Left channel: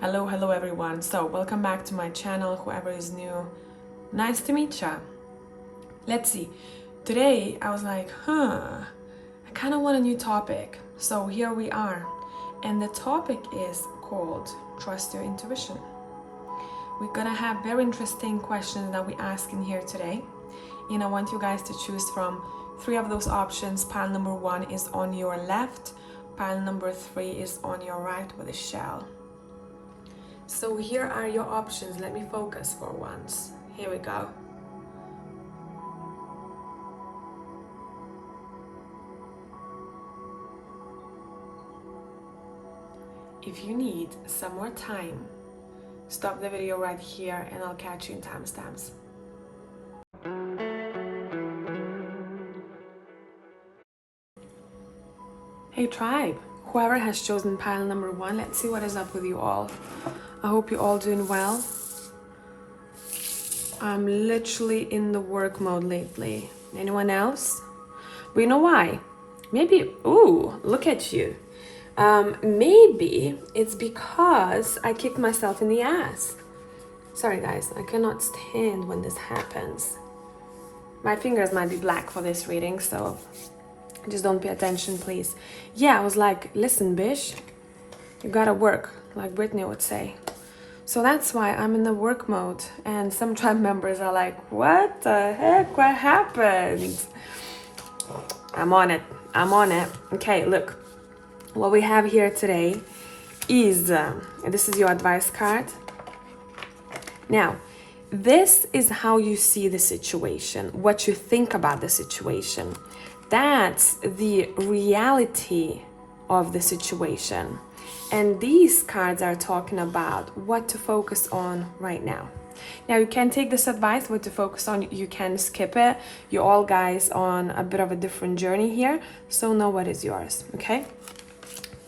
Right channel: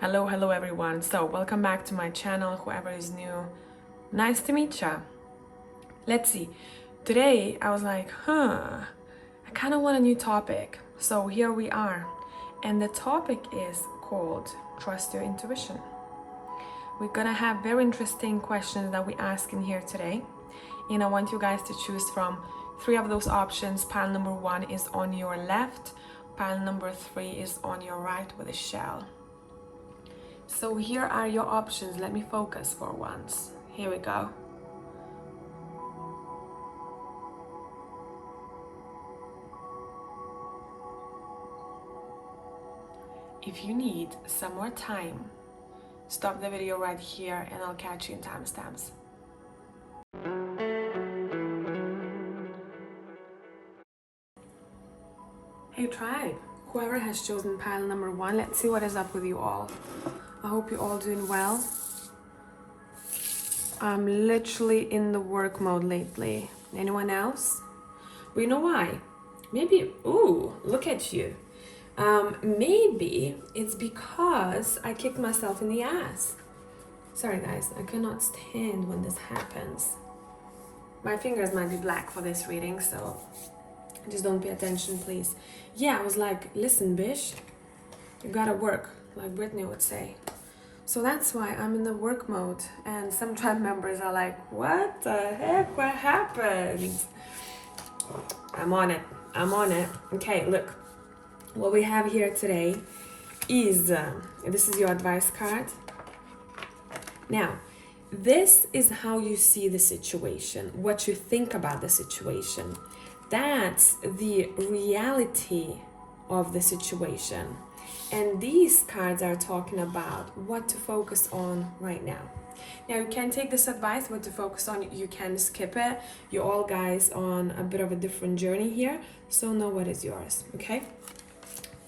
Hello everyone. So welcome back to my channel, whoever is new. Nice to meet ya. Let's see. Today I was like, I kind of want a new topic. So here we are. And the topic is called Trust Your Intuition. We're gonna have very interesting questions that we ask in here today. And I want you guys to choose from 3 of those options. Pile number 1 is on your left. Pile number 3 is on your right with a shell. So here are your options. Let me focus for once. Here we go. If you need some more time, stop the video right here and I'll catch you in timestamps. Hey tribe, whoever has chosen pile number 1, let's see what is up with you all. I hope you're all doing well. I'm literally in the work mode lately. Anyone else? Well, you know why? Maybe, ooh, look at you. Maybe it's because I kicked myself in the ass. Sorry guys, I cannot stand when this happens. My fingers might be black for this reading, so just don't pay attention, please. Yeah, I was like, listen, bish, you gotta work, like Brittany would say. So that's why I'm in the work mode, and some tribe members are like, what the heck, what happened? I'm on it. Okay, look, what we have here today is, this is your advice card. Now, this is how you see the situation, what you think about the situation. That's the reality of the situation. And these cards are talking about what to focus on right now. Now, you can take this advice, what to focus on, you can skip it. You're all guys on a bit of a different journey here, so know what is yours, okay?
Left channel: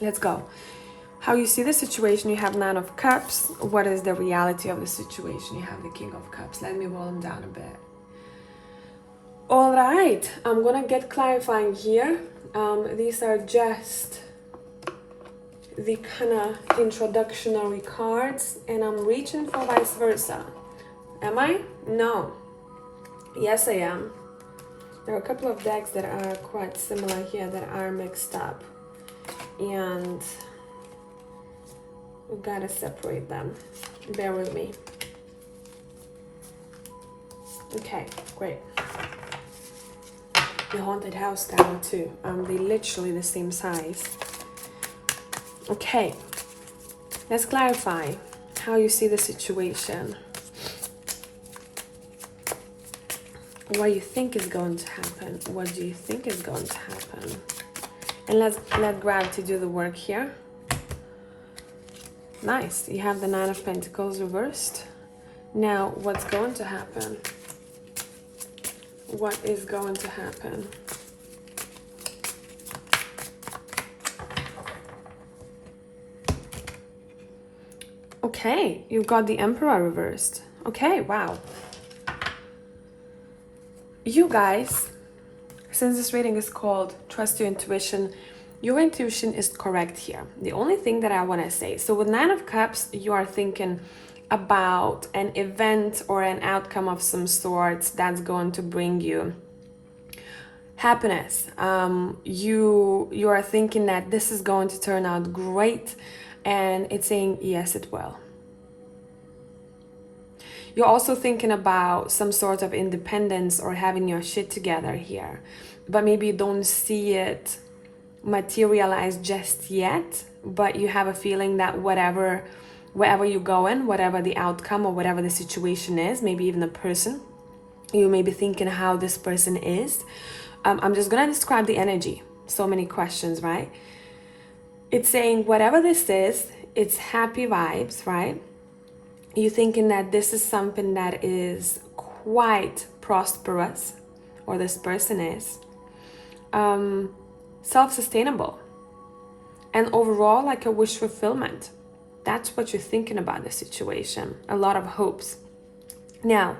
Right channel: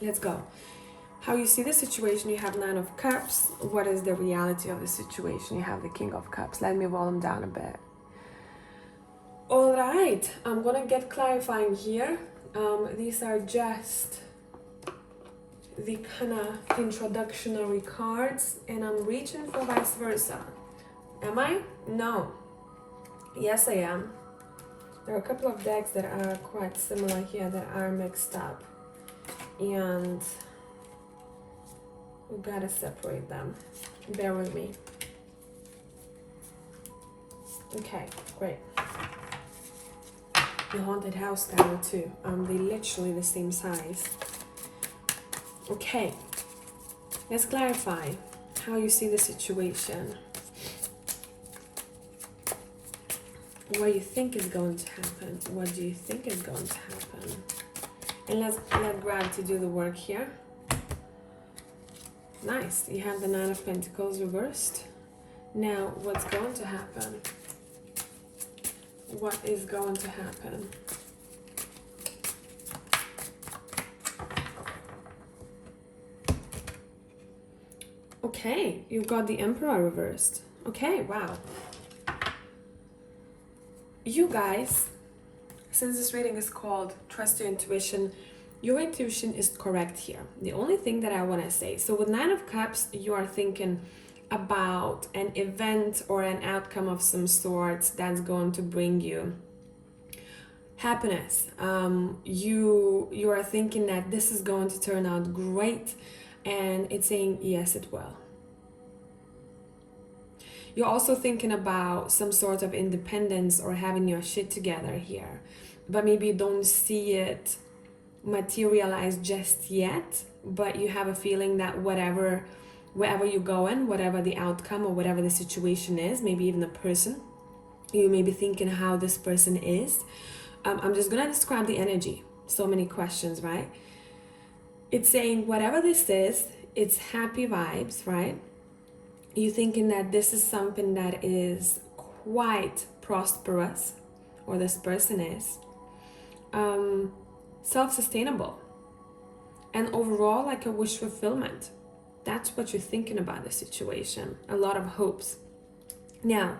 Let's go. How you see the situation, you have 9 of Cups. What is the reality of the situation? You have the King of Cups. Let me roll them down a bit. All right, I'm gonna get clarifying here. These are just the kind of introductory cards, and I'm reaching for vice versa. Am I? No. Yes, I am. There are a couple of decks that are quite similar here that are mixed up, and we gotta separate them. Bear with me. Okay, great. The Haunted House Tower too. They're literally the same size. Okay, let's clarify how you see the situation. What you think is going to happen. What do you think is going to happen? And let's let gravity do the work here. Nice, you have the 9 of Pentacles reversed. Now, what's going to happen? What is going to happen? Okay, you've got the Emperor reversed. Okay, wow. You guys, since this reading is called Trust Your Intuition, your intuition is correct here. The only thing that I want to say, so with 9 of Cups, you are thinking about an event or an outcome of some sort that's going to bring you happiness. You are thinking that this is going to turn out great, and it's saying yes, it will. You're also thinking about some sort of independence or having your shit together here, but maybe you don't see it materialize just yet, but you have a feeling that wherever you go in, whatever the outcome or whatever the situation is, maybe even the person, you may be thinking how this person is. I'm just gonna describe the energy. So many questions, right? It's saying whatever this is, it's happy vibes, right? You're thinking that this is something that is quite prosperous, or this person is self-sustainable, and overall like a wish fulfillment. That's what you're thinking about the situation. A lot of hopes. Now,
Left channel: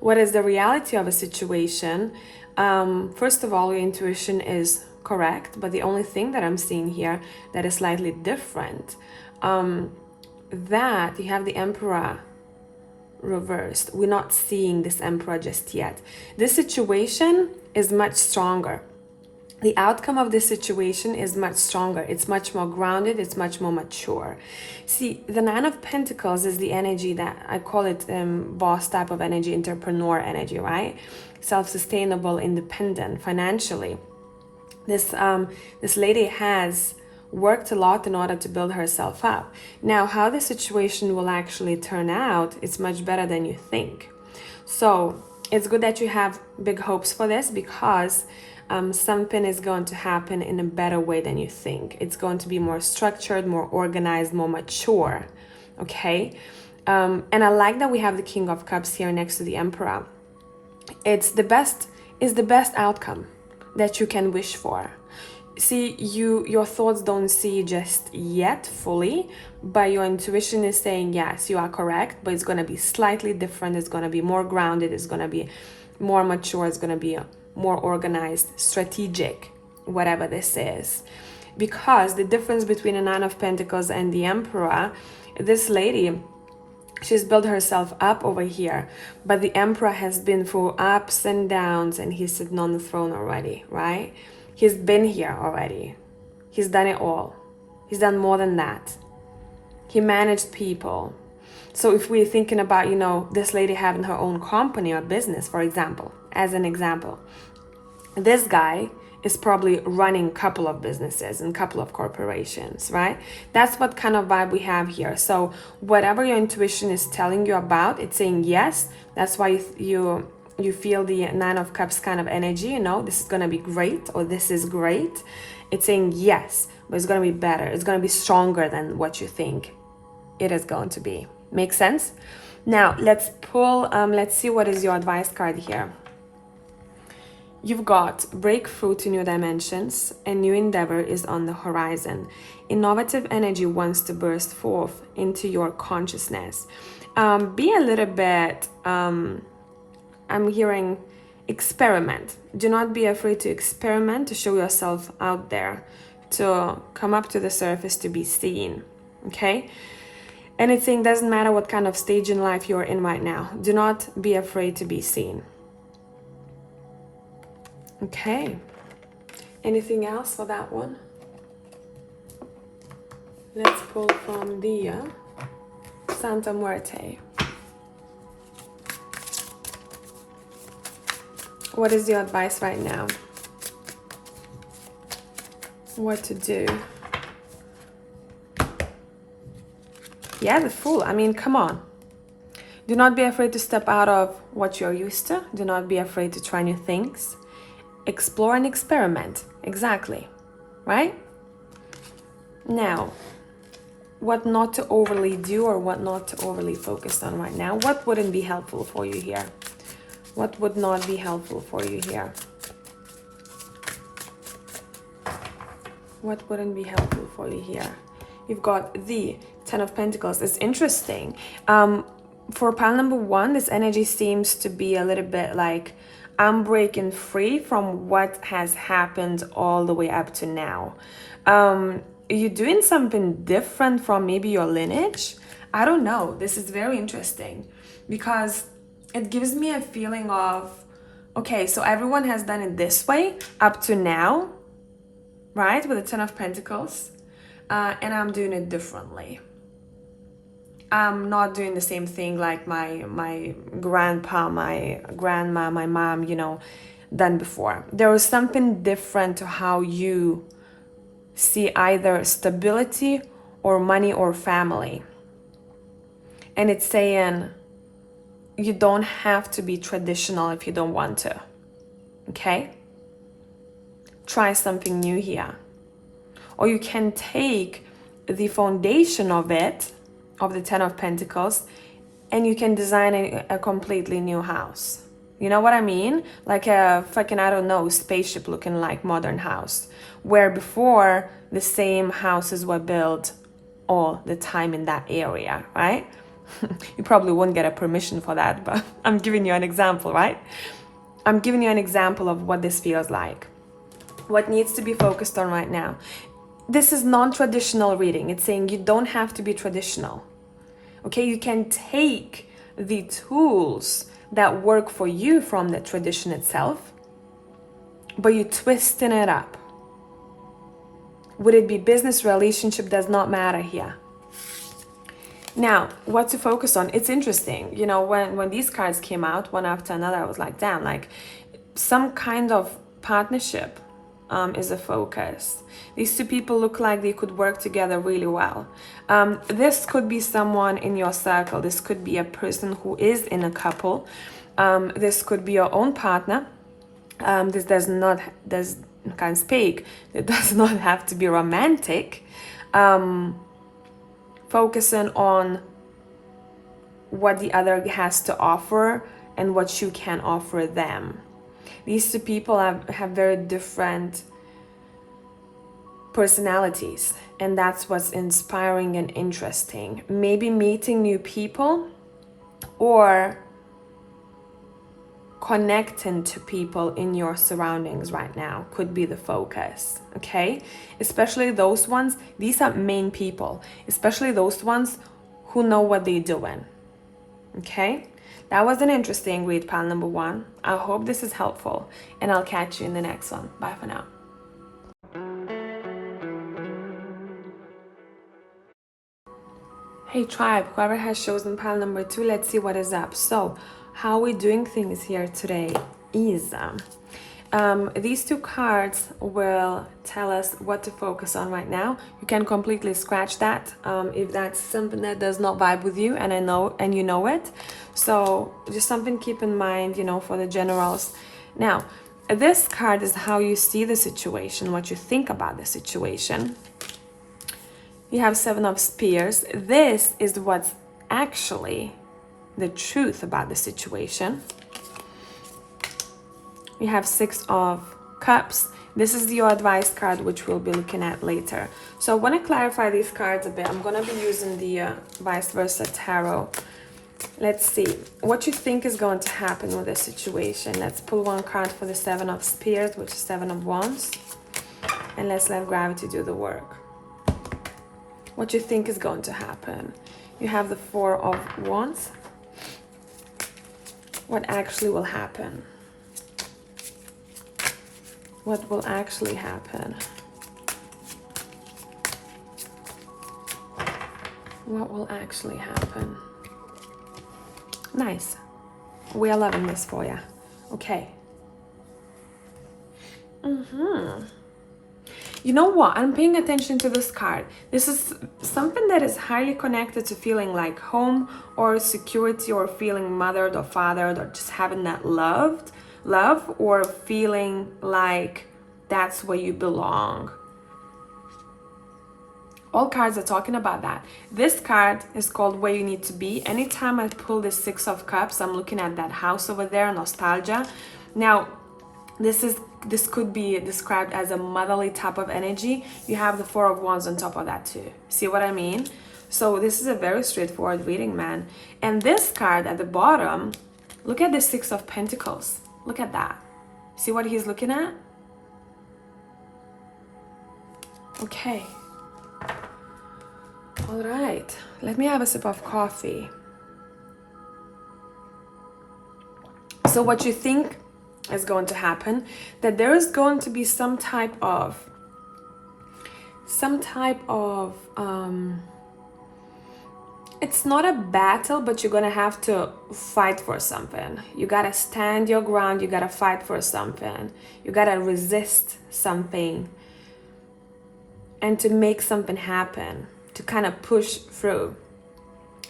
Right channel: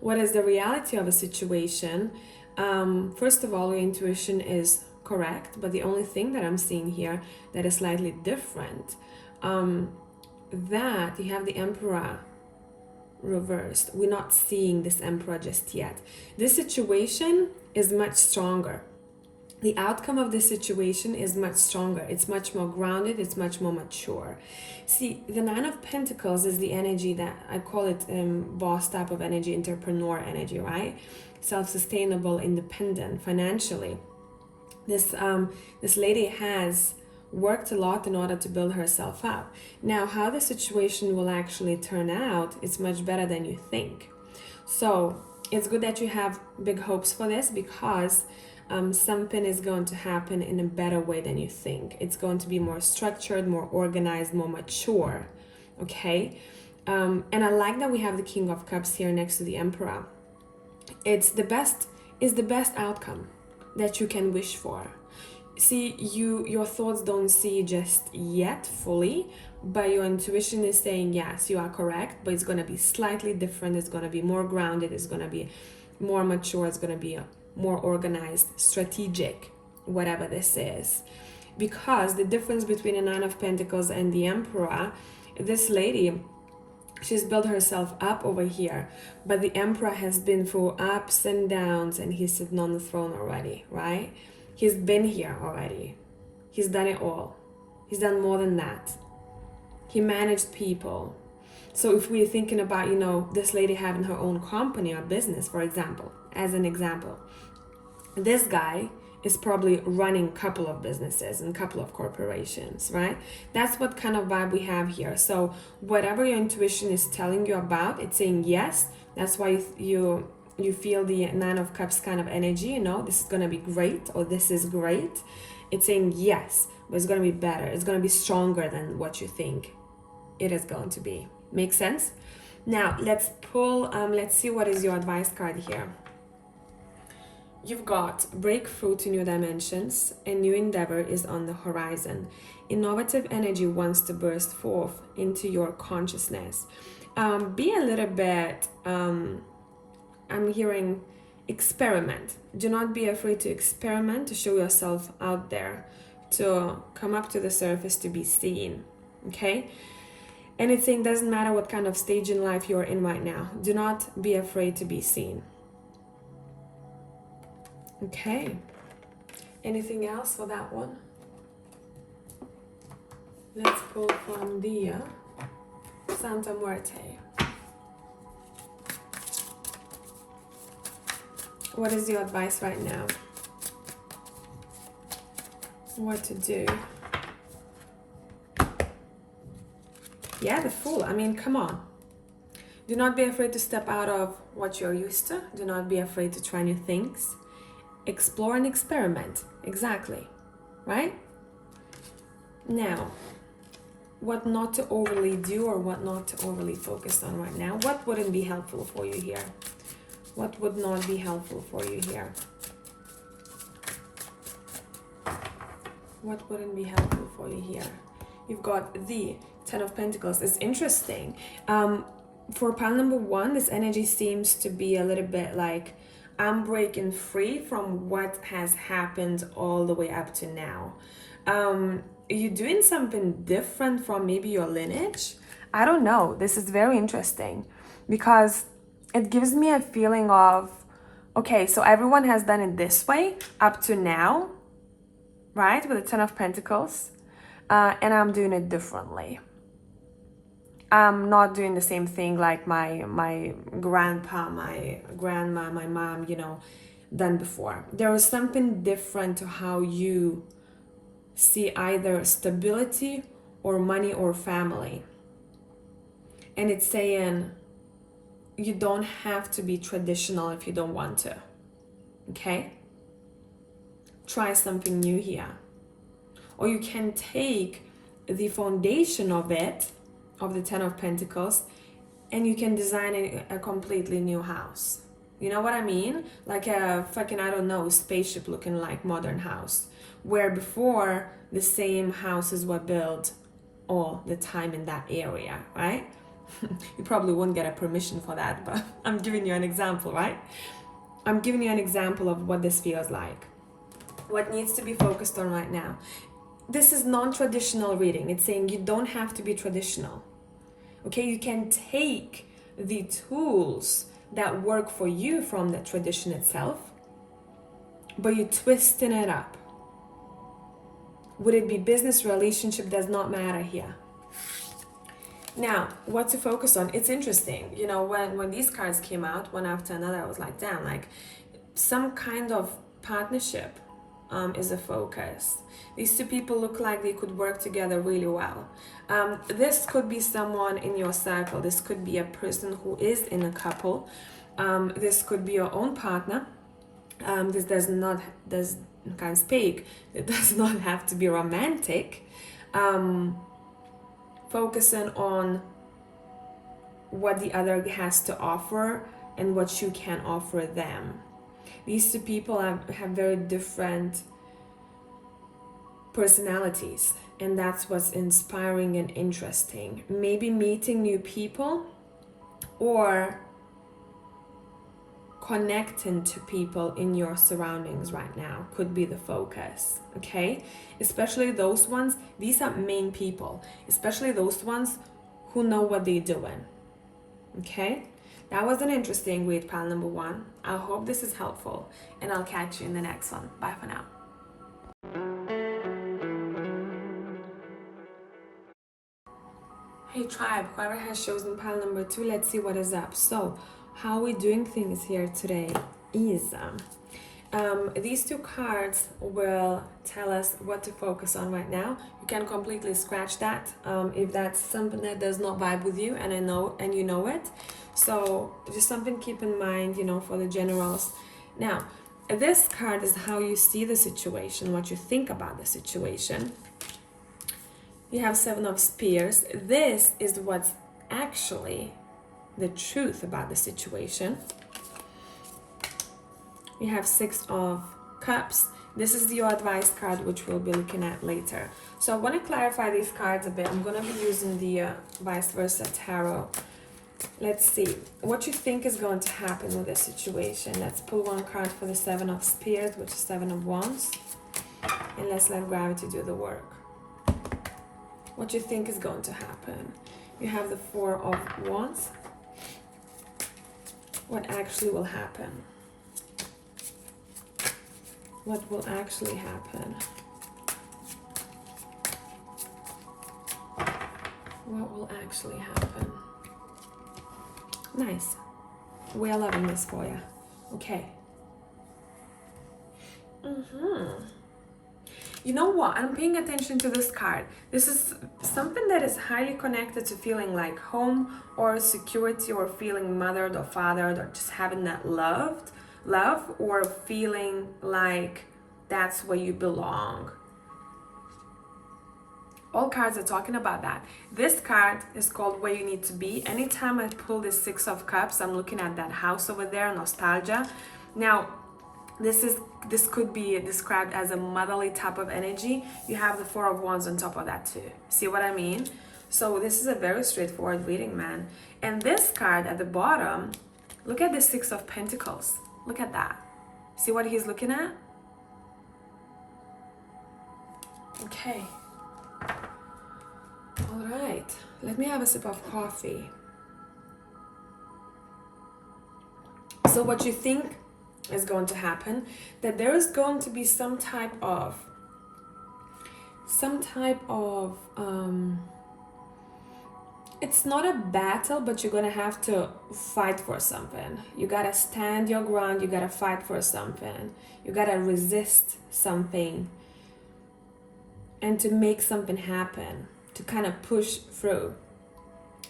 what is the reality of a situation? First of all, your intuition is correct, but the only thing that I'm seeing here that is slightly different, that, you have the Emperor reversed. We're not seeing this Emperor just yet. This situation is much stronger. The outcome of this situation is much stronger. It's much more grounded. It's much more mature. See, the Nine of Pentacles is the energy that I call it boss type of energy, entrepreneur energy, right? Self-sustainable, independent, financially. This lady has worked a lot in order to build herself up. Now, how the situation will actually turn out, it's much better than you think. So it's good that you have big hopes for this, because something is going to happen in a better way than you think. It's going to be more structured, more organized, more mature. Okay? And I like that we have the King of Cups here next to the Emperor. It's the best outcome that you can wish for. See, your thoughts don't see just yet fully, but your intuition is saying, yes, you are correct, but it's going to be slightly different. It's going to be more grounded. It's going to be more mature. It's going to be more organized, strategic, whatever this is. Because the difference between the Nine of Pentacles and the Emperor, this lady, she's built herself up over here, but the Emperor has been through ups and downs, and he's sitting on the throne already, right? He's been here already. He's done it all. He's done more than that. He managed people. So if we're thinking about, this lady having her own company or business, for example, as an example, this guy is probably running a couple of businesses and a couple of corporations, right? That's what kind of vibe we have here. So whatever your intuition is telling you about, it's saying yes. That's why you feel the Nine of Cups kind of energy, this is going to be great, or this is great. It's saying yes, but it's going to be better. It's going to be stronger than what you think it is going to be. Make sense? Now, let's pull, let's see what is your advice card here. You've got breakthrough to new dimensions. A new endeavor is on the horizon. Innovative energy wants to burst forth into your consciousness. Be a little bit... I'm hearing experiment. Do not be afraid to experiment, to show yourself out there, to come up to the surface, to be seen, okay? And it's saying doesn't matter what kind of stage in life you're in right now. Do not be afraid to be seen. Okay. Anything else for that one? Let's pull from the Santa Muerte. What is your advice right now? What to do? Yeah, the Fool. I mean, come on. Do not be afraid to step out of what you're used to. Do not be afraid to try new things. Explore and experiment. Exactly. Right? Now, what not to overly do or what not to overly focus on right now. What wouldn't be helpful for you here? What would not be helpful for you here? What wouldn't be helpful for you here? You've got the Ten of Pentacles. It's interesting. For pile number one, this energy seems to be a little bit like, I'm breaking free from what has happened all the way up to now. You're doing something different from maybe your lineage. I don't know. This is very interesting because it gives me a feeling of, okay, so everyone has done it this way up to now, right? With the Ten of Pentacles. And I'm doing it differently. I'm not doing the same thing like my grandpa, my grandma, my mom, done before. There was something different to how you see either stability or money or family. And it's saying you don't have to be traditional if you don't want to. Okay? Try something new here. Or you can take the foundation of it, of the Ten of Pentacles, and you can design a completely new house. You know what I mean? Like a fucking, I don't know, spaceship looking like modern house. Where before, the same houses were built all the time in that area, right? You probably won't get a permission for that, but I'm giving you an example, right? I'm giving you an example of what this feels like. What needs to be focused on right now. This is non-traditional reading. It's saying you don't have to be traditional. Okay, you can take the tools that work for you from the tradition itself, but you're twisting it up. Would it be business, relationship, does not matter here. Now, what to focus on? It's interesting. You know, when these cards came out, one after another, I was like, damn, like some kind of partnership is a focus. These two people look like they could work together really well. This could be someone in your circle. This could be a person who is in a couple. This could be your own partner. This can't speak. It does not have to be romantic. Focusing on what the other has to offer and what you can offer them. These two people have very different personalities, and that's what's inspiring and interesting. Maybe meeting new people or connecting to people in your surroundings right now could be the focus, okay? Especially those ones, these are main people, especially those ones who know what they're doing, okay? That was an interesting read, pile number 1. I hope this is helpful, and I'll catch you in the next one. Bye for now. Hey tribe, whoever has chosen pile number 2, let's see what is up. So, how we're doing things here today is these two cards will tell us what to focus on right now. You can completely scratch that if that's something that does not vibe with you, and you know it. So just something keep in mind, you know, for the generals. Now, this card is how you see the situation, what you think about the situation. You have 7 of Spears. This is what's actually the truth about the situation. We have 6 of Cups. This is your advice card, which we'll be looking at later. So I want to clarify these cards a bit. I'm going to be using the vice versa tarot. Let's see what you think is going to happen with this situation. Let's pull one card for the 7 of Spears, which is 7 of Wands, and let's let gravity do the work. What you think is going to happen? You have the 4 of Wands. What actually will happen? What will actually happen? What will actually happen? Nice. We are loving this for you. Okay. You know what? I'm paying attention to this card. This is something that is highly connected to feeling like home or security, or feeling mothered or fathered, or just having that love, or feeling like that's where you belong. All cards are talking about that. This card is called Where You Need to Be. Anytime I pull the 6 of Cups, I'm looking at that house over there, nostalgia. Now, this could be described as a motherly type of energy. You have the 4 of Wands on top of that too. See what I mean? So this is a very straightforward reading, man. And this card at the bottom, look at the 6 of Pentacles. Look at that. See what he's looking at? Okay. All right. Let me have a sip of coffee. So what you think is going to happen, that there is going to be some type of it's not a battle, but you're gonna have to fight for something. You gotta stand your ground. You gotta fight for something. You gotta resist something, and to make something happen, to kind of push through,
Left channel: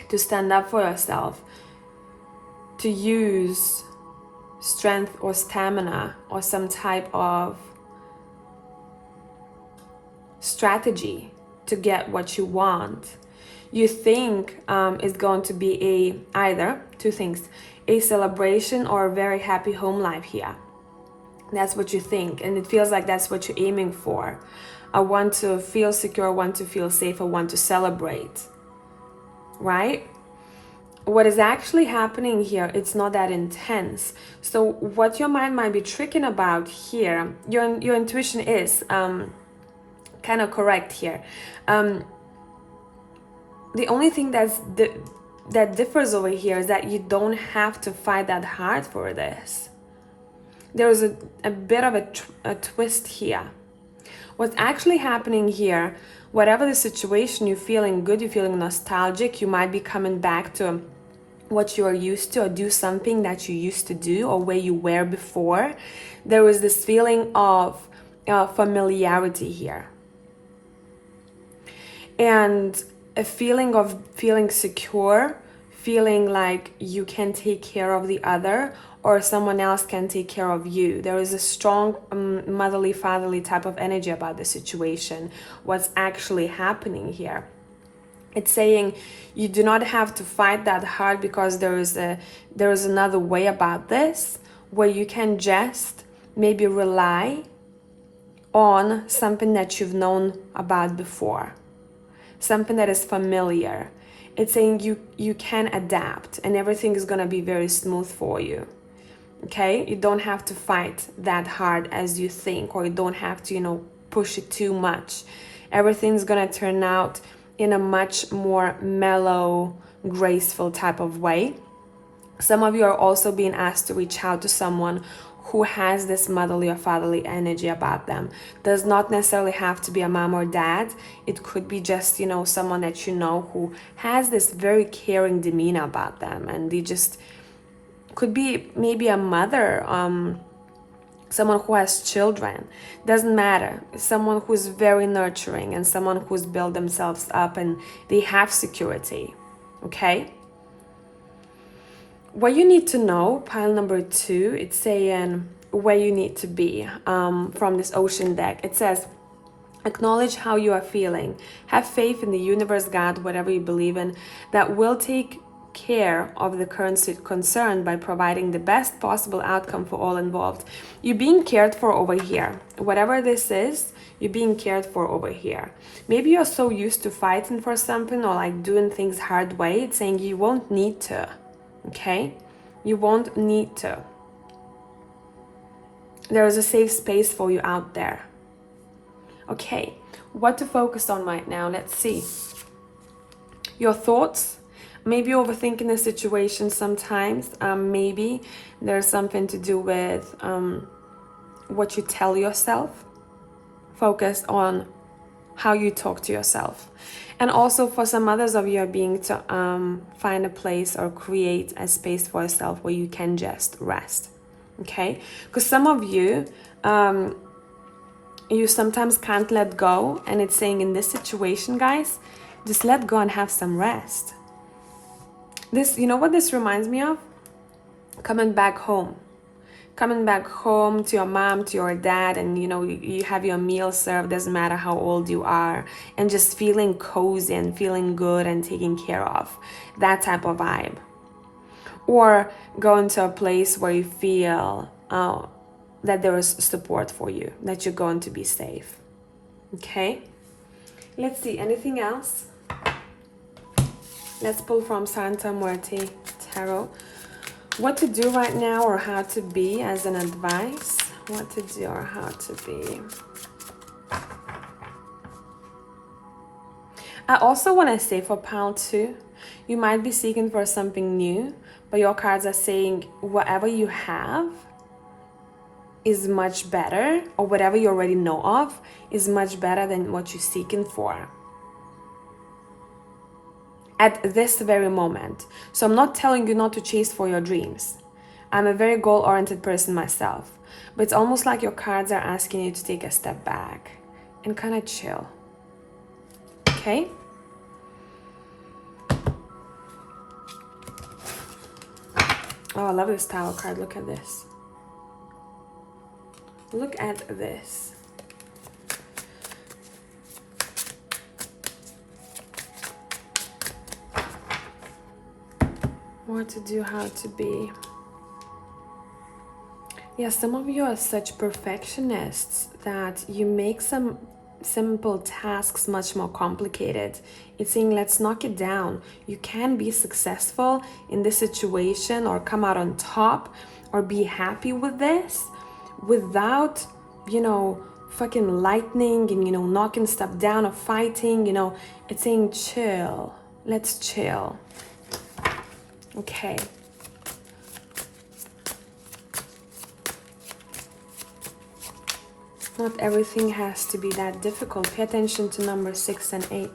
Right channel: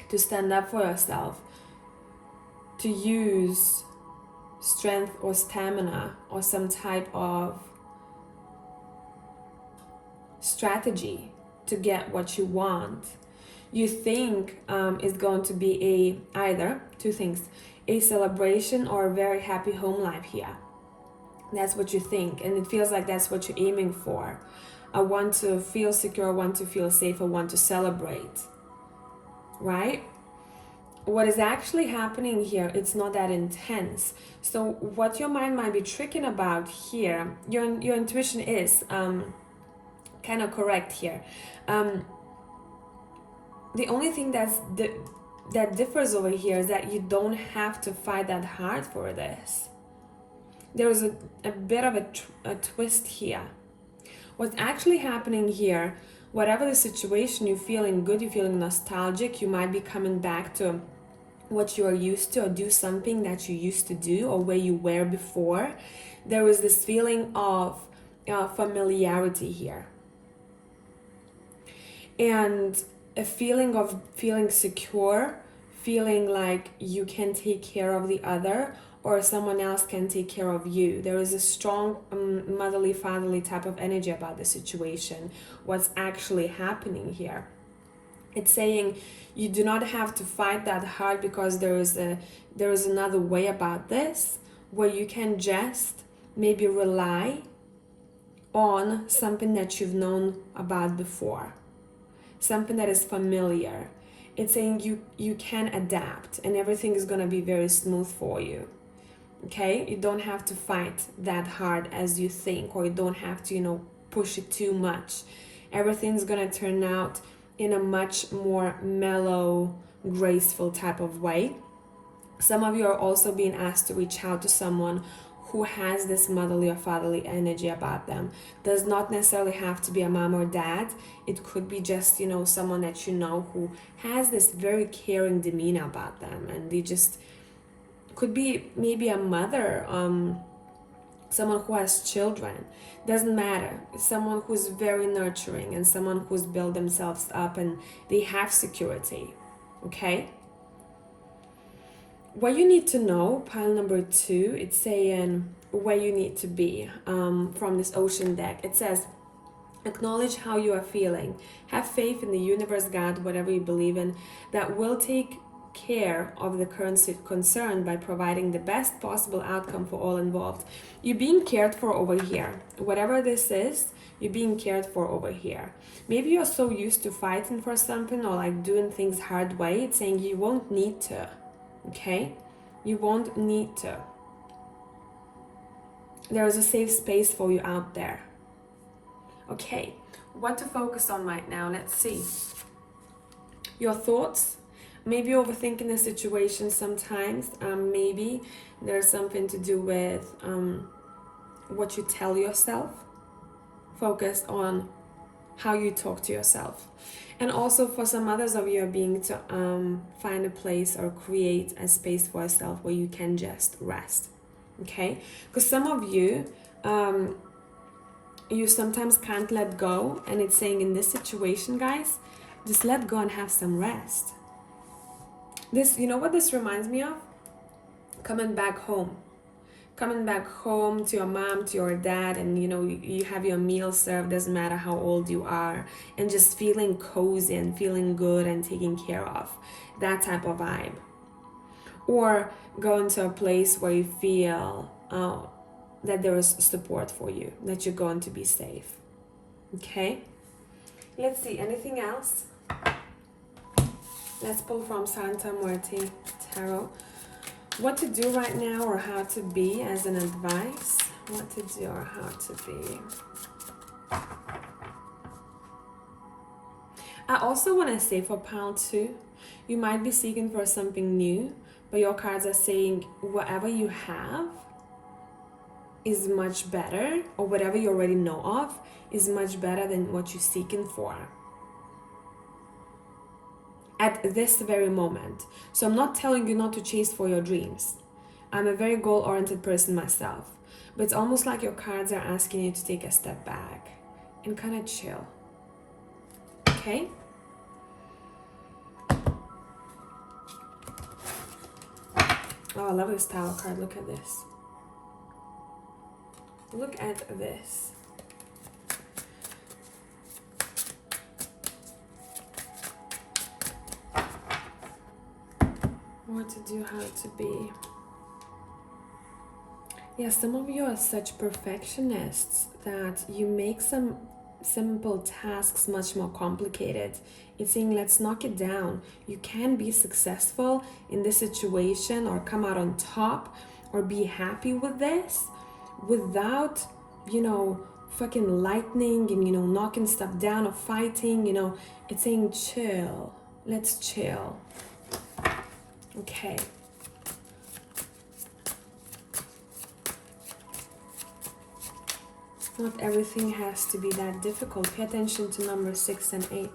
to stand up for yourself, to use strength or stamina or some type of strategy to get what you want. You think it's going to be either two things, a celebration or a very happy home life here. That's what you think, and it feels like that's what you're aiming for. I want to feel secure, I want to feel safe, I want to celebrate, right? What is actually happening here, it's not that intense. So what your mind might be tricking about here, your intuition is kind of correct here. The only thing that's that differs over here is that you don't have to fight that hard for this. There's a bit of a twist here. What's actually happening here, whatever the situation, you're feeling good, you're feeling nostalgic, you might be coming back to what you are used to, or do something that you used to do, or where you were before. There was this feeling of familiarity here. And a feeling of feeling secure, feeling like you can take care of the other, or someone else can take care of you. There is a strong motherly, fatherly type of energy about the situation. What's actually happening here? It's saying you do not have to fight that hard, because there is another way about this, where you can just maybe rely on something that you've known about before, something that is familiar. It's saying you can adapt, and everything is going to be very smooth for you. Okay, you don't have to fight that hard as you think, or you don't have to, push it too much. Everything's gonna turn out in a much more mellow, graceful type of way. Some of you are also being asked to reach out to someone who has this motherly or fatherly energy about them. Does not necessarily have to be a mom or dad. It could be just, someone that who has this very caring demeanor about them, and they just could be maybe a mother, someone who has children. Doesn't matter. Someone who's very nurturing, and someone who's built themselves up and they have security. Okay? What you need to know, pile number 2, it's saying where you need to be from this ocean deck. It says, acknowledge how you are feeling. Have faith in the universe, God, whatever you believe in, that will take care of the current concern by providing the best possible outcome for all involved. You're being cared for over here. Whatever this is, you're being cared for over here. Maybe you're so used to fighting for something, or like doing things hard way. It's saying you won't need to. Okay? You won't need to. There is a safe space for you out there. Okay, what to focus on right now? Let's see. Your thoughts. Maybe overthinking the situation sometimes. Maybe there's something to do with what you tell yourself. Focus on how you talk to yourself. And also for some others of you are being to find a place or create a space for yourself where you can just rest. Okay? Because some of you, you sometimes can't let go. And it's saying in this situation, guys, just let go and have some rest. This, you know what this reminds me of? Coming back home. Coming back home to your mom, to your dad, and you have your meal served, doesn't matter how old you are, and just feeling cozy and feeling good and taken care of. That type of vibe. Or going to a place where you feel that there is support for you, that you're going to be safe. Okay? Let's see, anything else? Let's pull from Santa Muerte Tarot. What to do right now, or how to be as an advice. What to do or how to be. I also want to say for pile 2, you might be seeking for something new, but your cards are saying whatever you have is much better, or whatever you already know of is much better than what you're seeking for at this very moment. So I'm not telling you not to chase for your dreams. I'm a very goal-oriented person myself, but it's almost like your cards are asking you to take a step back and kind of chill. Okay? Oh, I love this Tower card. Look at this. Look at this. What to do, how to be. Yeah, some of you are such perfectionists that you make some simple tasks much more complicated. It's saying let's knock it down. You can be successful in this situation, or come out on top, or be happy with this without, fucking lightning and, knocking stuff down or fighting, It's saying chill. Let's chill. Okay. Not everything has to be that difficult. Pay attention to number 6 and 8.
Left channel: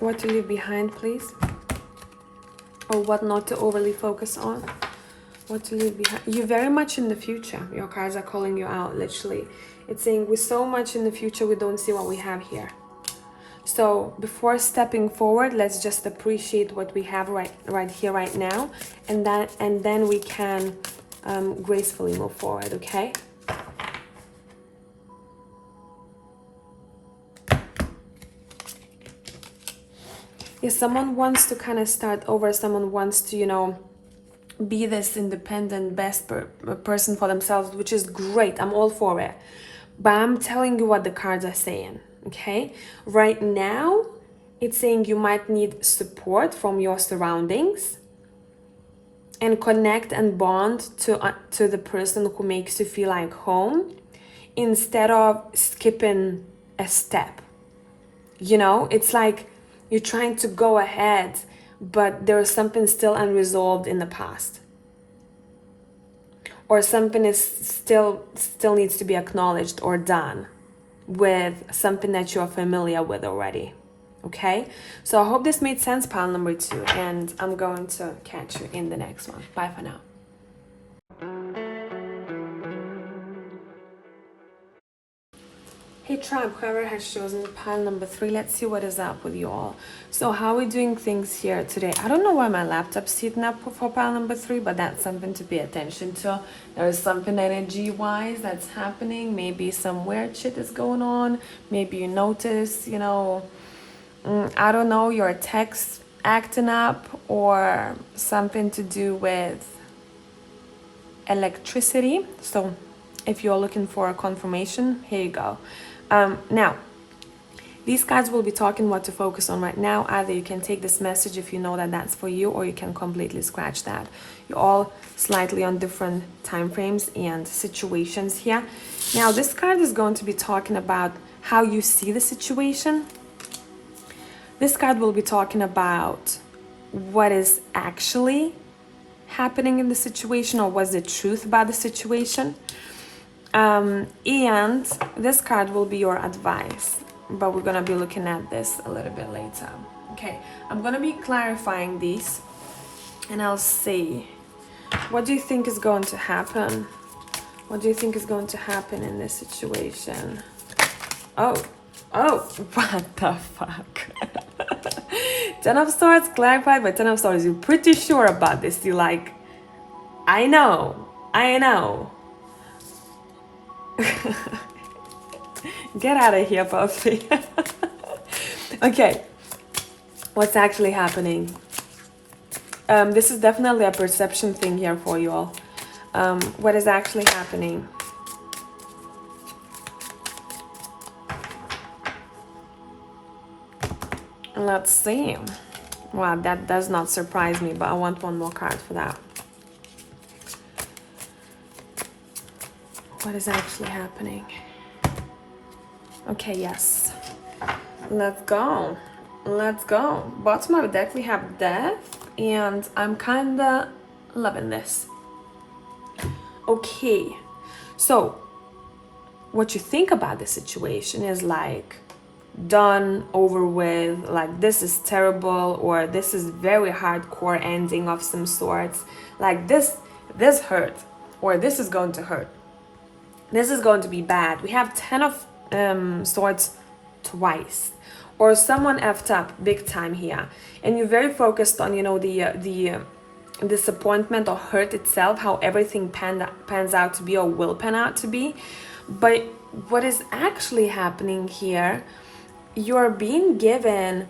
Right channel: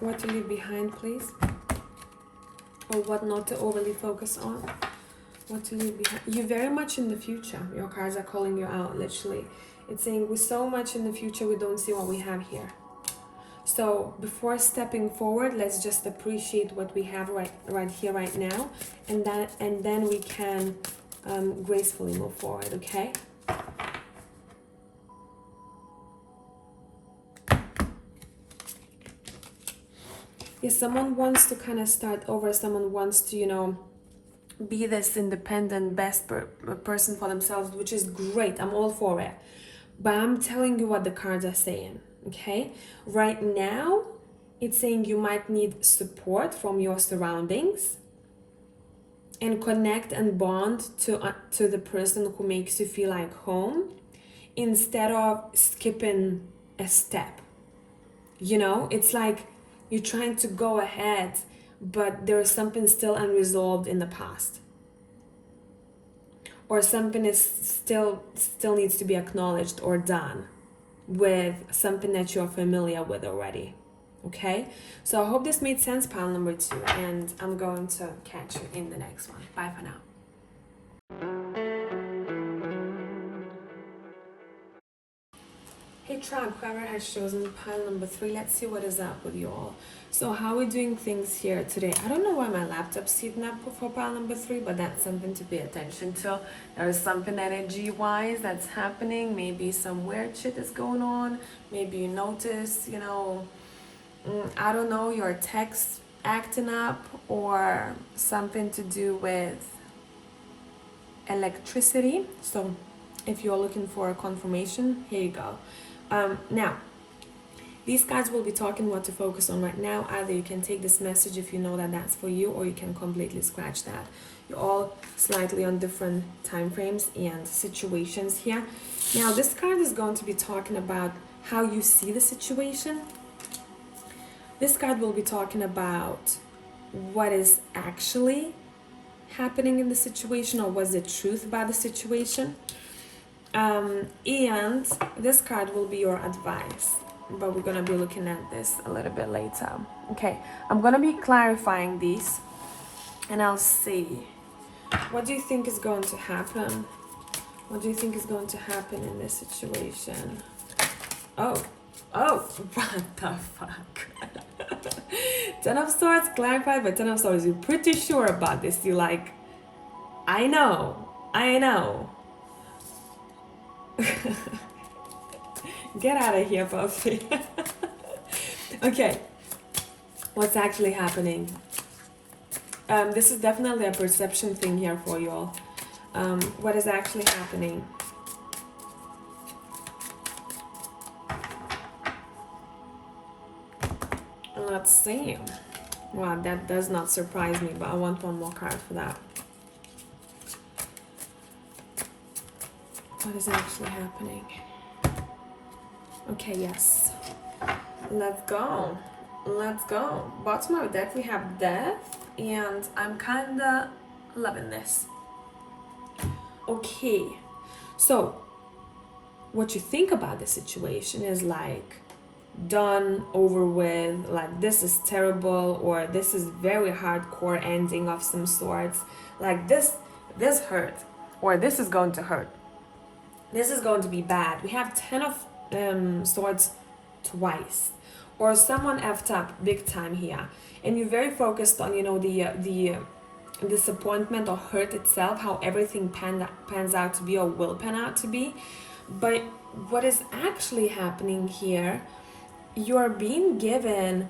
What to leave behind, please? Or what not to overly focus on? What to leave behind? You're very much in the future. Your cards are calling you out, literally. It's saying we're so much in the future, we don't see what we have here. So before stepping forward, let's just appreciate what we have right here, right now, and then we can gracefully move forward. Okay. Yeah, someone wants to kind of start over. Someone wants to, you know, be this independent, best person for themselves, which is great. I'm all for it. But I'm telling you what the cards are saying. Okay, right now it's saying you might need support from your surroundings and connect and bond to the person who makes you feel like home, instead of skipping a step. You know, it's like you're trying to go ahead, but there's something still unresolved in the past, or something is still needs to be acknowledged or done with something that you're familiar with already. Okay, so I hope this made sense, pile number 2, and I'm going to catch you in the next one. Bye for now. Hey tribe, whoever has chosen pile number 3, let's see what is up with you all. So how are we doing things here today? I don't know why my laptop's heating up for pile number 3, but that's something to pay attention to. There is something energy-wise that's happening. Maybe some weird shit is going on. Maybe you notice, you know, I don't know, your text acting up, or something to do with electricity. So if you're looking for a confirmation, here you go. Now, these cards will be talking what to focus on right now. Either you can take this message if you know that that's for you, or you can completely scratch that. You're all slightly on different time frames and situations here. Now, this card is going to be talking about how you see the situation. This card will be talking about what is actually happening in the situation, or what's the truth about the situation. And this card will be your advice, but we're gonna be looking at this a little bit later. Okay, I'm gonna be clarifying these, and I'll see. What do you think is going to happen? What do you think is going to happen in this situation? Oh, what the fuck? 10 of Swords clarified by 10 of Swords. You're pretty sure about this. You're like, I know. Get out of here, Puffy. Okay, what's actually happening? This is definitely a perception thing here for you all. What is actually happening? Let's see. Wow, that does not surprise me, but I want one more card for that. What is actually happening? Okay, yes. Let's go. Bottom of the deck, we have Death, and I'm kinda loving this. Okay, so what you think about the situation is like done, over with, like this is terrible, or this is very hardcore ending of some sorts, like this hurt, or this is going to hurt, this is going to be bad. We have 10 of swords twice, or someone effed up big time here, and you're very focused on, you know, the disappointment or hurt itself, how everything pans out to be, or will pan out to be. But what is actually happening here, you're being given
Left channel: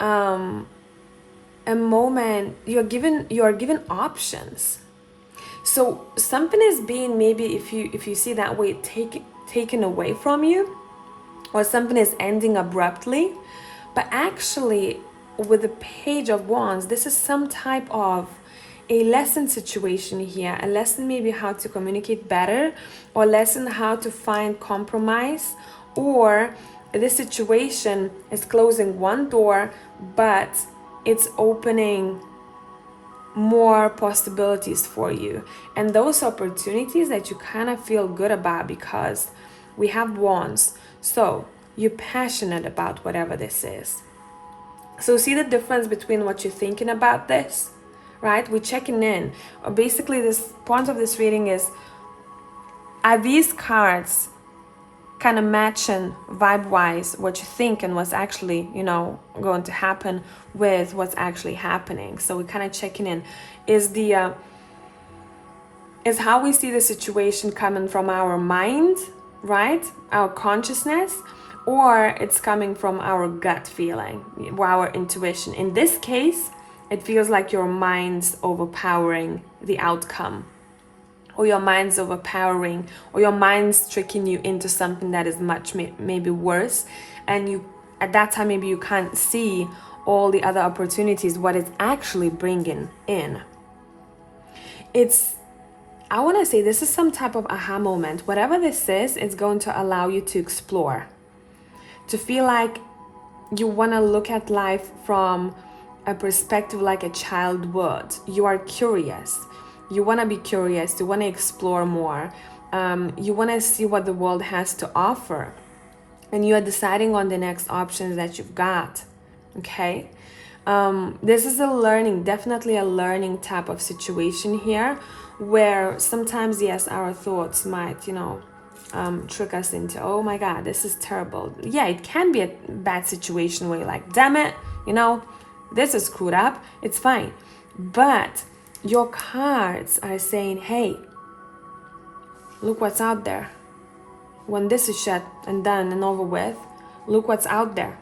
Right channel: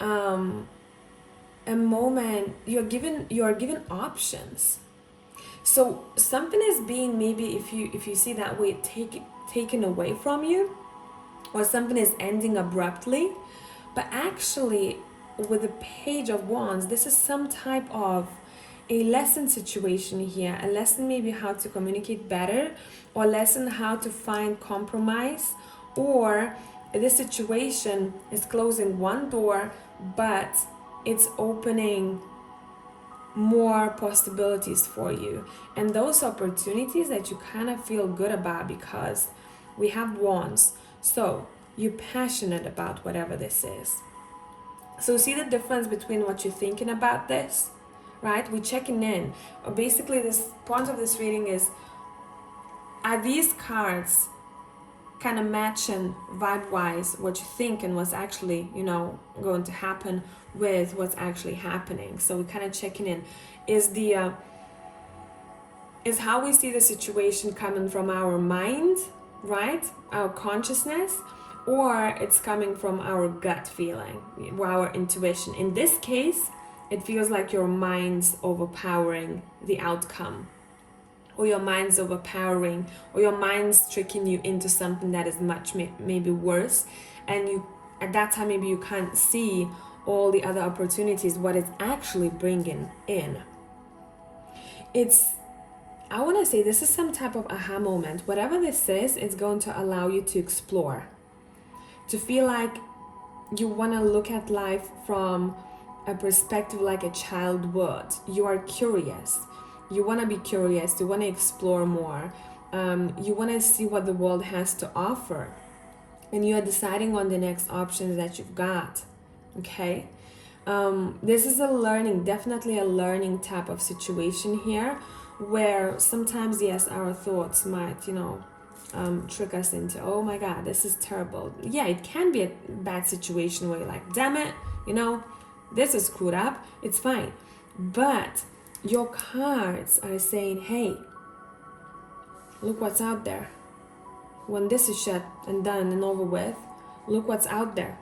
a moment, you're given options. So something is being, maybe if you see that way, taken away from you, or something is ending abruptly. But actually, with the Page of Wands, this is some type of a lesson situation here, a lesson maybe how to communicate better, or lesson how to find compromise, or this situation is closing one door, but it's opening more possibilities for you. And those opportunities that you kind of feel good about, because we have wands. So you're passionate about whatever this is. So see the difference between what you're thinking about this, right? We're checking in. Basically, this point of this reading is, are these cards kind of matching vibe-wise what you think and what's actually, going to happen with what's actually happening? So we're kind of checking in. Is how we see the situation coming from our mind, right? Our consciousness, or it's coming from our gut feeling, our intuition. In this case, it feels like your mind's overpowering the outcome, or your mind's overpowering, or your mind's tricking you into something that is much maybe worse, and you at that time maybe you can't see all the other opportunities, what it's actually bringing in. I want to say this is some type of aha moment. Whatever this is, it's going to allow you to explore, to feel like you want to look at life from a perspective like a child would. You are curious. You want to be curious. You want to explore more. You want to see what the world has to offer. And you are deciding on the next options that you've got. Okay? This is definitely a learning type of situation here, where sometimes, yes, our thoughts might, trick us into, oh my God, this is terrible. Yeah, it can be a bad situation where you're like, damn it, this is screwed up. It's fine. But your cards are saying, hey, look what's out there. When this is shut and done and over with, look what's out there.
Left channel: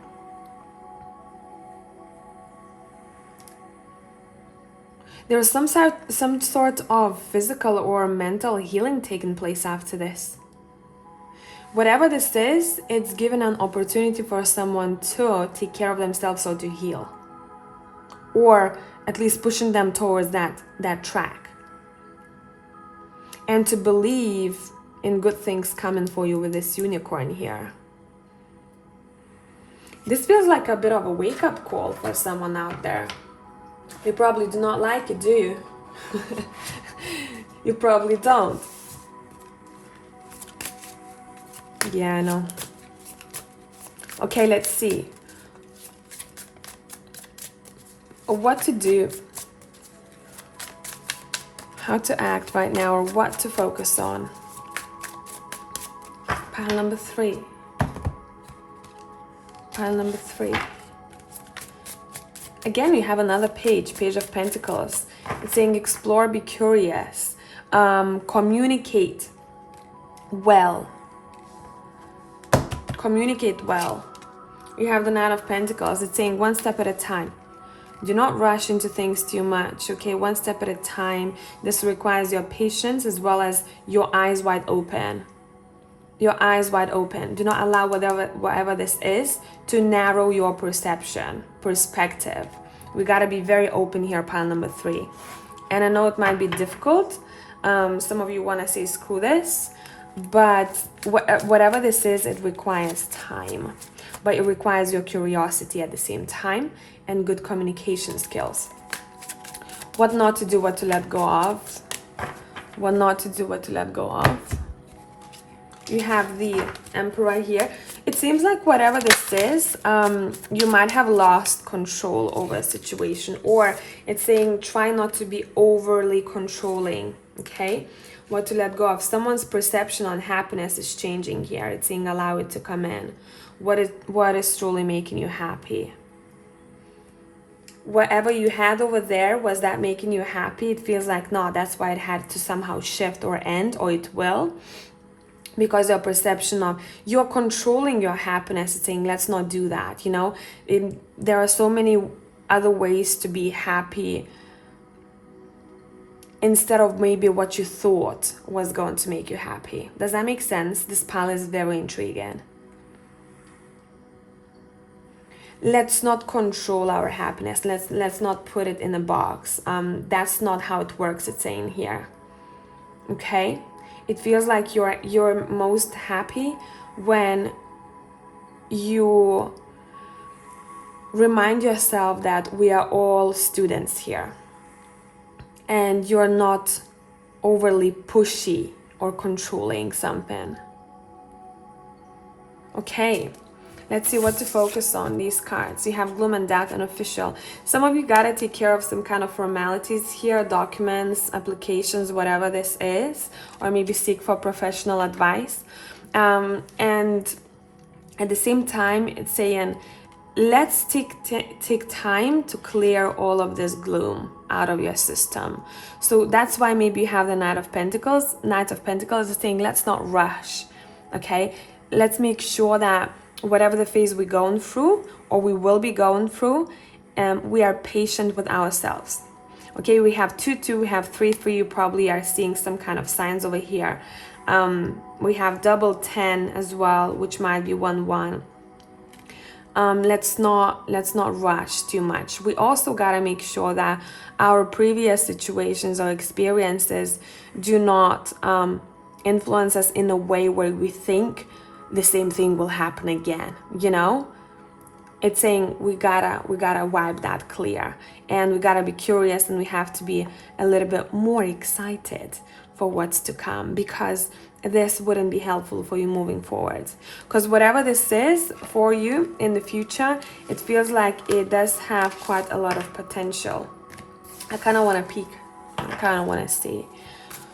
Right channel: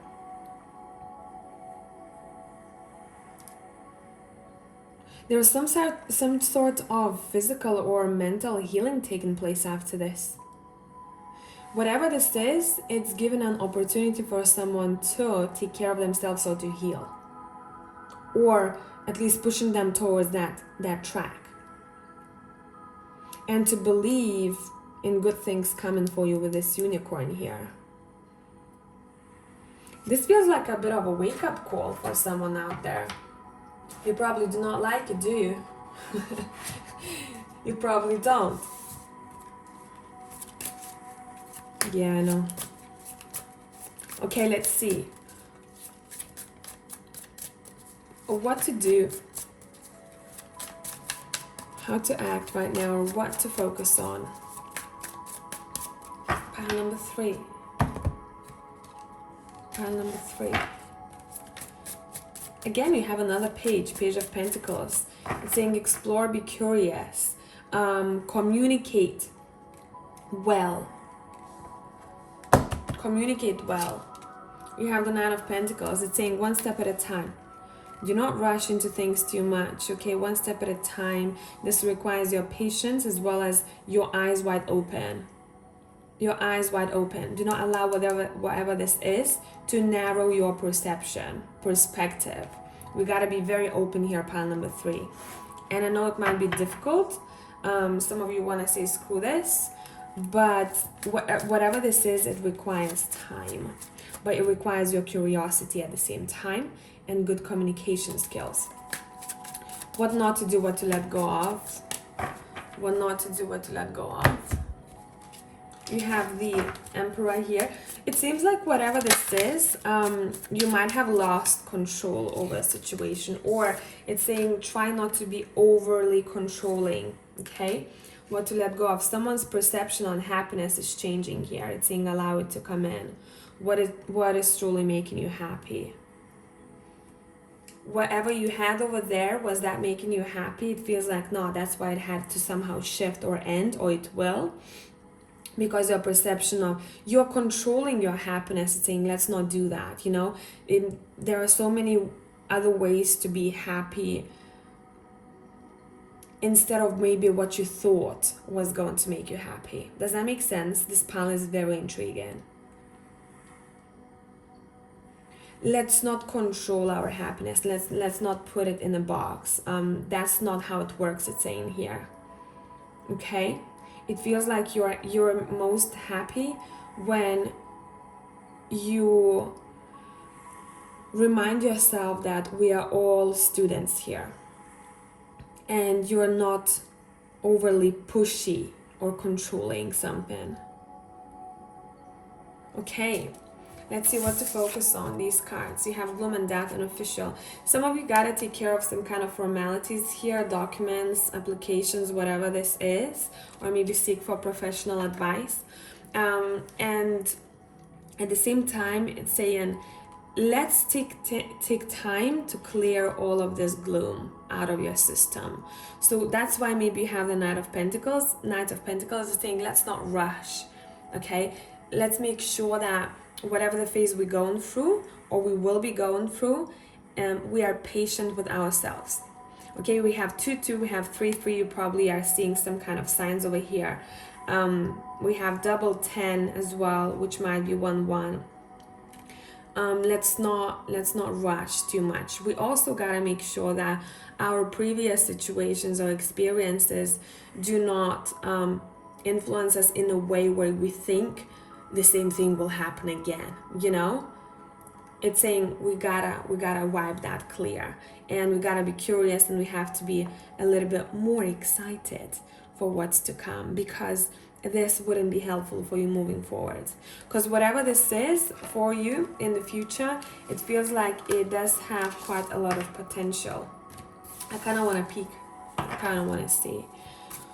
There's some sort of physical or mental healing taking place after this. Whatever this is, it's given an opportunity for someone to take care of themselves or to heal. Or at least pushing them towards that track. And to believe in good things coming for you with this unicorn here. This feels like a bit of a wake-up call for someone out there. You probably do not like it, do you? You probably don't. Yeah, I know. Okay, let's see. What to do. How to act right now, or what to focus on. Pile number 3. Pile number 3. Again, you have another Page of Pentacles. It's saying explore, be curious, communicate well. Communicate well. You have the Knight of Pentacles. It's saying one step at a time. Do not rush into things too much, okay? One step at a time. This requires your patience as well as your eyes wide open. Your eyes wide open. Do not allow whatever this is to narrow your perspective. We got to be very open here, pile number 3. And I know it might be difficult. Some of you want to say screw this, but whatever this is, it requires time. But it requires your curiosity at the same time and good communication skills. What not to do, what to let go of. What not to do, what to let go of. You have the Emperor here. It seems like whatever this is, you might have lost control over a situation, or it's saying try not to be overly controlling, okay? What to let go of. Someone's perception on happiness is changing here. It's saying allow it to come in. What is truly making you happy? Whatever you had over there, was that making you happy? It feels like no, that's why it had to somehow shift or end, or it will. Because your perception of you're controlling your happiness is saying let's not do that, there are so many other ways to be happy instead of maybe what you thought was going to make you happy. Does that make sense? This pile is very intriguing. Let's not control our happiness. Let's not put it in a box. That's not how it works, it's saying here. Okay? It feels like you're most happy when you remind yourself that we are all students here, and you're not overly pushy or controlling something. Okay, let's see what to focus on, these cards. You have gloom and doubt and official. Some of you gotta take care of some kind of formalities here, documents, applications, whatever this is, or maybe seek for professional advice. And at the same time, it's saying, let's take time to clear all of this gloom out of your system. So that's why maybe you have the Knight of Pentacles. Knight of Pentacles is saying, let's not rush, okay? Let's make sure that whatever the phase we're going through, or we will be going through, we are patient with ourselves. Okay, we have 2-2, we have 3-3. You probably are seeing some kind of signs over here. We have double 10 as well, which might be 1-1. Let's not rush too much. We also gotta make sure that our previous situations or experiences do not influence us in a way where we think the same thing will happen again. You know, it's saying we gotta wipe that clear, and we gotta be curious, and we have to be a little bit more excited for what's to come, because this wouldn't be helpful for you moving forward. Because whatever this is for you in the future, it feels like it does have quite a lot of potential. I kind of want to peek. I kind of want to see,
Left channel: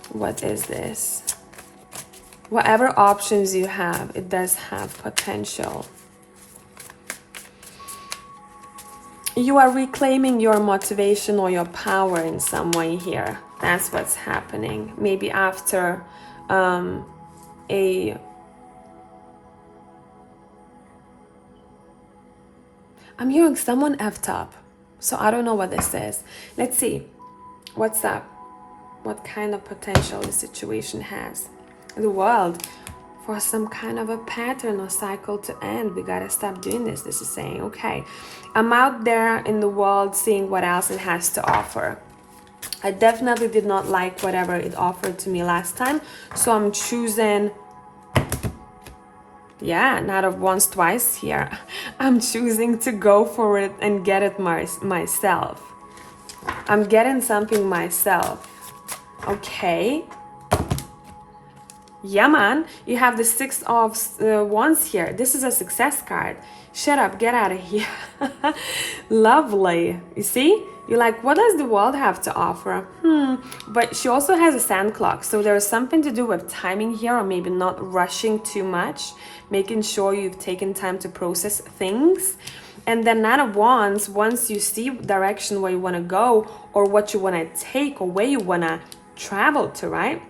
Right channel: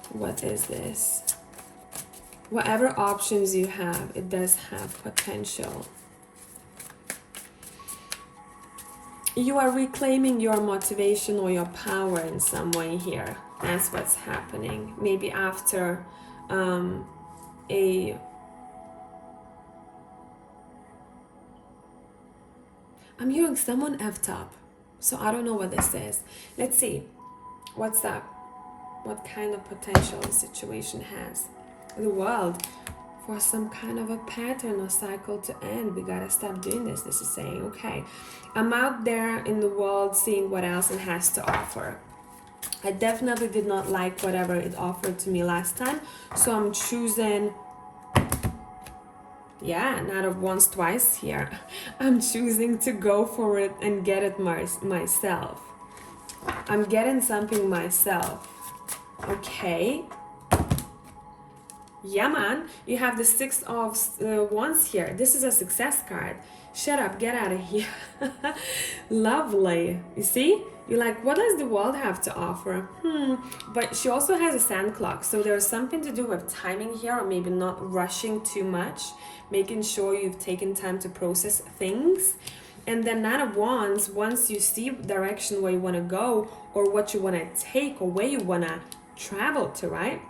what is this? Whatever options you have, it does have potential. You are reclaiming your motivation or your power in some way here. That's what's happening. Maybe after I'm hearing someone effed up, so I don't know what this is. Let's see what's up, what kind of potential the situation has. The world, for some kind of a pattern or cycle to end. We gotta stop doing this. This is saying, okay, I'm out there in the world seeing what else it has to offer. I definitely did not like whatever it offered to me last time, so I'm choosing, yeah, Knight of Wands twice here. I'm choosing to go for it and get it myself. I'm getting something myself. Okay. Yeah, man. You have the Six of Wands here. This is a success card. Shut up, get out of here. Lovely. You see? You're like, what does the world have to offer? But she also has a sand clock. So there's something to do with timing here, or maybe not rushing too much, making sure you've taken time to process things. And then Knight of Wands, once you see direction where you want to go, or what you want to take, or where you want to travel to, right?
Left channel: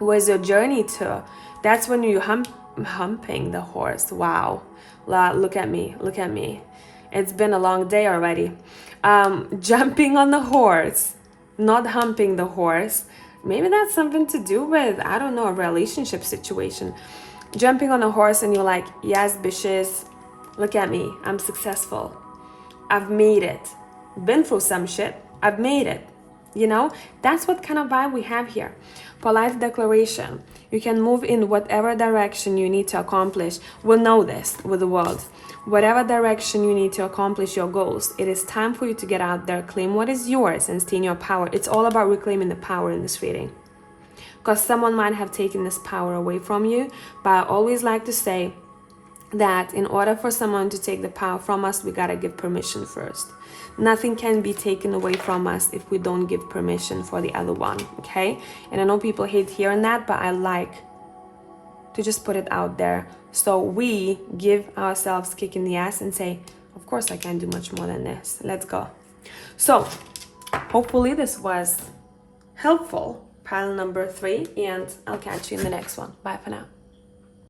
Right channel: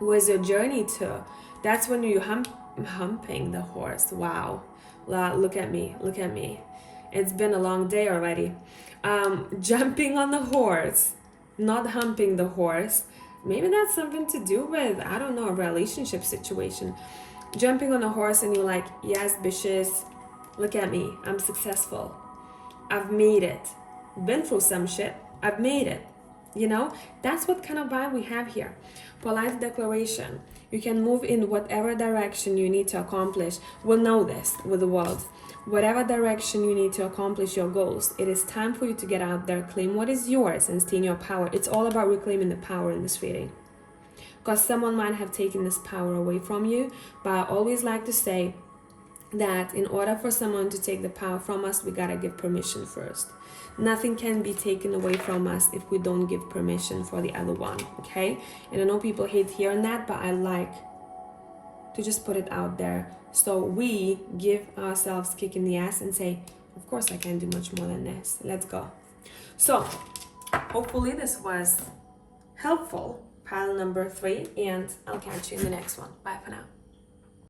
Where's your journey to? That's when you humping the horse. Wow. Look at me. Look at me. It's been a long day already. Jumping on the horse, not humping the horse. Maybe that's something to do with, I don't know, a relationship situation. Jumping on a horse and you're like, yes, bitches, look at me. I'm successful. I've made it. Been through some shit. I've made it. You know, that's what kind of vibe we have here. Polite declaration. You can move in whatever direction you need to accomplish. We'll know this with the world. Whatever direction you need to accomplish your goals, it is time for you to get out there, claim what is yours, and stay in your power. It's all about reclaiming the power in this reading. Because someone might have taken this power away from you. But I always like to say that in order for someone to take the power from us, we gotta give permission first. Nothing can be taken away from us if we don't give permission for the other one, okay? And I know people hate hearing that, but I like to just put it out there. So we give ourselves a kick in the ass and say, of course I can do much more than this. Let's go. So hopefully this was helpful, pile number 3, and I'll catch you in the next one. Bye for now.